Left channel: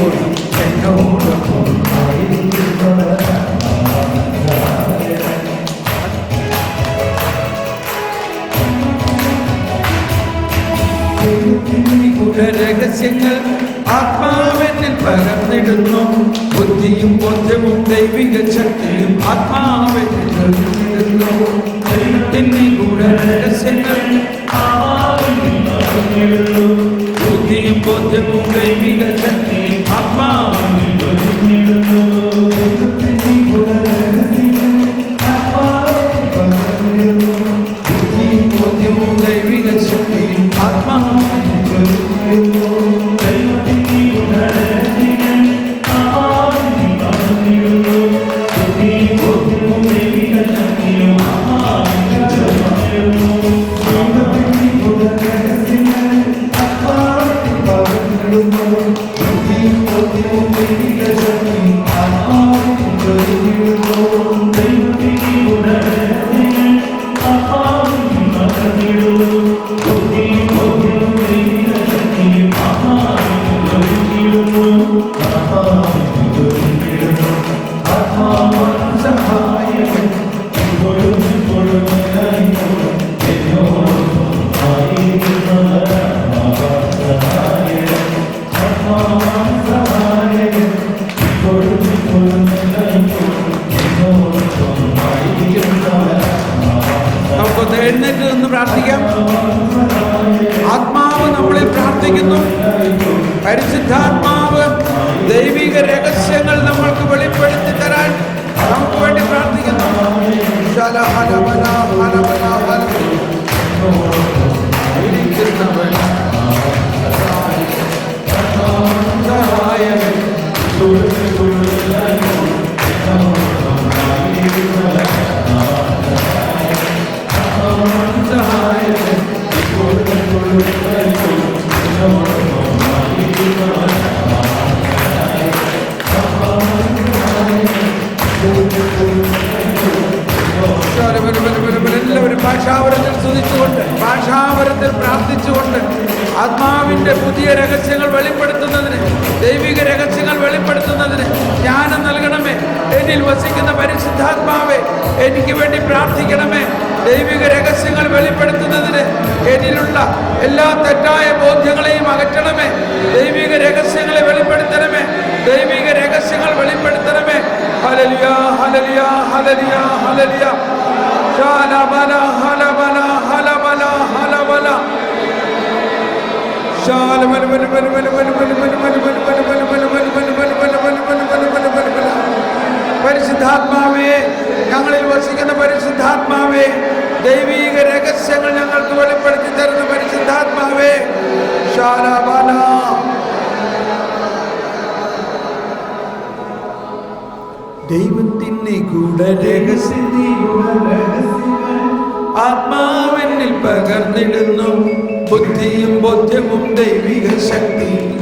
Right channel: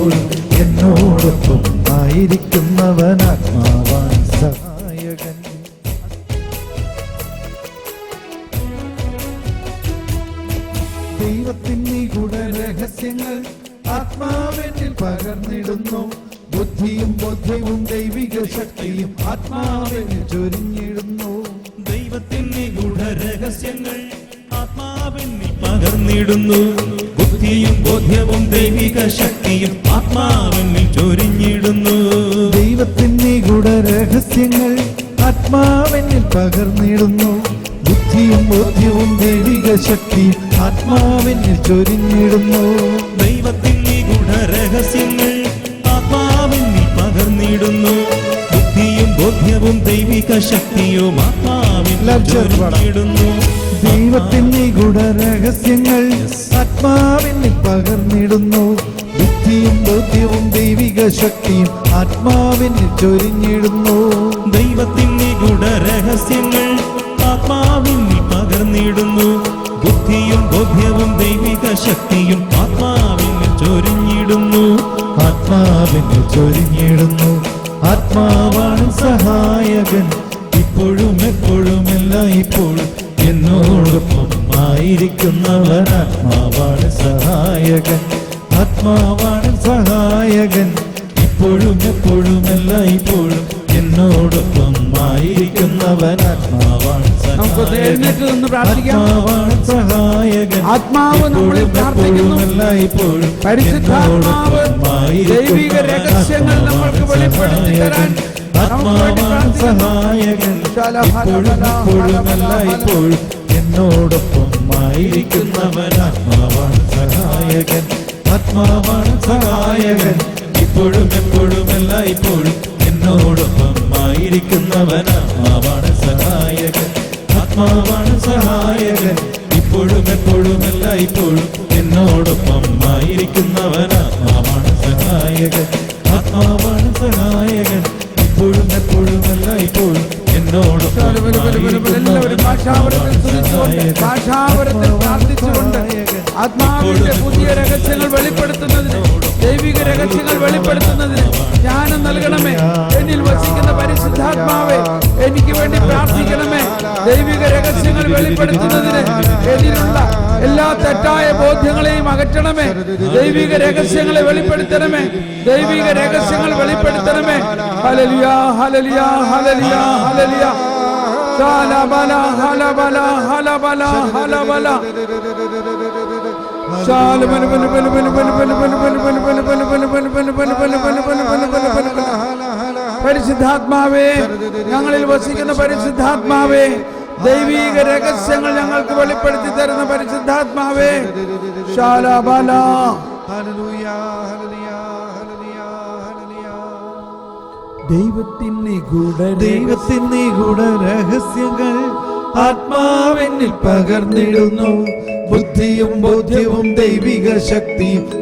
എല്ലായ്പ്പോഴും എന്നോടൊപ്പം ആയിരിക്കുന്നവനാ. രഹസ്യങ്ങൾ ആത്മാവെന്നിൽ പകർന്നിടുന്നു. ബുദ്ധിയും ബോധ്യവും ദൈവിക ശക്തിയും ആത്മാവെന്നിൽ ചൊരിഞ്ഞിടുന്നു. ദൈവത്തിന്റെ ഗൂഢരഹസ്യങ്ങൾ ആത്മാവെന്നിൽ പകർന്നിടുന്നു. ബുദ്ധിയും ബോധ്യവും ദൈവിക ശക്തിയും ആത്മാവെന്നിൽ ചൊരിഞ്ഞിടുന്നു. ദൈവത്തിന്റെ ഗൂഢരഹസ്യങ്ങൾ ആത്മാവെന്നിൽ പകർന്നിടുന്നു. ബുദ്ധിയും ബോധ്യവും ദൈവിക ശക്തിയും ആത്മാവെന്നിൽ ചൊരിഞ്ഞിടുന്നു. ദൈവത്തിന്റെ ഗൂഢരഹസ്യങ്ങൾ ആത്മാവെന്നിൽ പകർന്നിടുന്നു. ബുദ്ധിയും ബോധ്യവും ദൈവിക ശക്തിയും ആത്മാവെന്നിൽ ചൊരിഞ്ഞിടുന്നു. ദൈവത്തിന്റെ ഗൂഢരഹസ്യങ്ങൾ ആത്മാവെന്നിൽ പകർന്നിടുന്നു. ബുദ്ധിയും ബോധ്യവും ദൈവിക ശക്തിയും ആത്മാവെന്നിൽ ചൊരിഞ്ഞിടുന്നു. ദൈവത്തിന്റെ ഗൂഢരഹസ്യങ്ങൾ ആത്മാവെന്നിൽ പകർന്നിടുന്നു. ബുദ്ധിയും ബോധ്യവും ദൈവിക ശക്തിയും ആത്മാവെന്നിൽ ചൊരിഞ്ഞിടുന്നു. ആത്മാവെന്നിൽ ചൊരിഞ്ഞിടുന്നു. ആത്മാവാണ് സഹായകൻ. ഇപ്പോഴും എപ്പോഴും എല്ലായ്പ്പോഴും എന്നോടൊപ്പം ആയിരിക്കുന്നവനാത്മാവാണ് സഹായകൻ. ആത്മാവാണ് സഹായകൻ. ഇപ്പോഴും എപ്പോഴും എല്ലായ്പ്പോഴും എന്നോടൊപ്പം ആയിരിക്കുന്നവനാത്മാവാണ്. നമുക്കൊന്ന് എഴുന്നേറ്റ് നിന്ന് പ്രാർത്ഥിക്കാം. ആത്മാവ് നമ്മളിൽ പ്രാർത്ഥിക്കുന്നു. പരിശുദ്ധാത്മാവ് ദൈവിക രഹസ്യങ്ങൾ നമ്മൾക്ക് വെളിപ്പെടുത്തി തരാൻ നമുക്ക് വേണ്ടി പ്രാർത്ഥിക്കുന്നു. എല്ലാവരും ഭാഷാവരത്തിൽ സ്തുതിച്ചുകൊണ്ട് ഭാഷാവരത്തിൽ പ്രാർത്ഥിച്ചുകൊണ്ട് ആത്മാവിന്റെ പുതിയ രഹസ്യങ്ങൾ വെളിപ്പെടുത്തുന്നതിന്, ദൈവിക രഹസ്യങ്ങൾ വെളിപ്പെടുത്തുന്നതിന് ജ്ഞാനം നൽകണമേ. എന്നിൽ വസിക്കുന്ന പരിശുദ്ധാത്മാവേ, എനിക്ക് വേണ്ടി പ്രാർത്ഥിക്കണമേ. ദൈവിക രഹസ്യങ്ങൾ വെളിപ്പെടുത്തുന്നതിന് എന്നിലുള്ള എല്ലാ തെറ്റായ ബോധ്യങ്ങളെയും അകറ്റണമേ. ദൈവിക രഹസ്യങ്ങളെ വെളിപ്പെടുത്തണമേ. ദൈവിക രഹസ്യങ്ങൾ വെളിപ്പെടുത്തണമേ. ഹല്ലേലൂയ, ഹല്ലേലൂയ, ഹല്ലേലൂയ, ഹല്ലേലൂയ. ശാലബല ഹലബല ഹലബല ഹലബല പരിശുദ്ധാത്മാവേ, ഞങ്ങളിൽ വസിക്കുന്ന പരിശുദ്ധാത്മാവേ, ദൈവീക രഹസ്യങ്ങൾ ഞങ്ങൾക്ക് വെളിപ്പെടുത്തി തരുന്ന പരിശുദ്ധാത്മാവേ, ശാലബല ദൈവത്തിന്റെ ഗൂഢരഹസ്യങ്ങൾ ആത്മാവെന്നിൽ പകർന്നിടുന്നു. ബുദ്ധിയും ബോധ്യവും ദൈവിക ശക്തിയും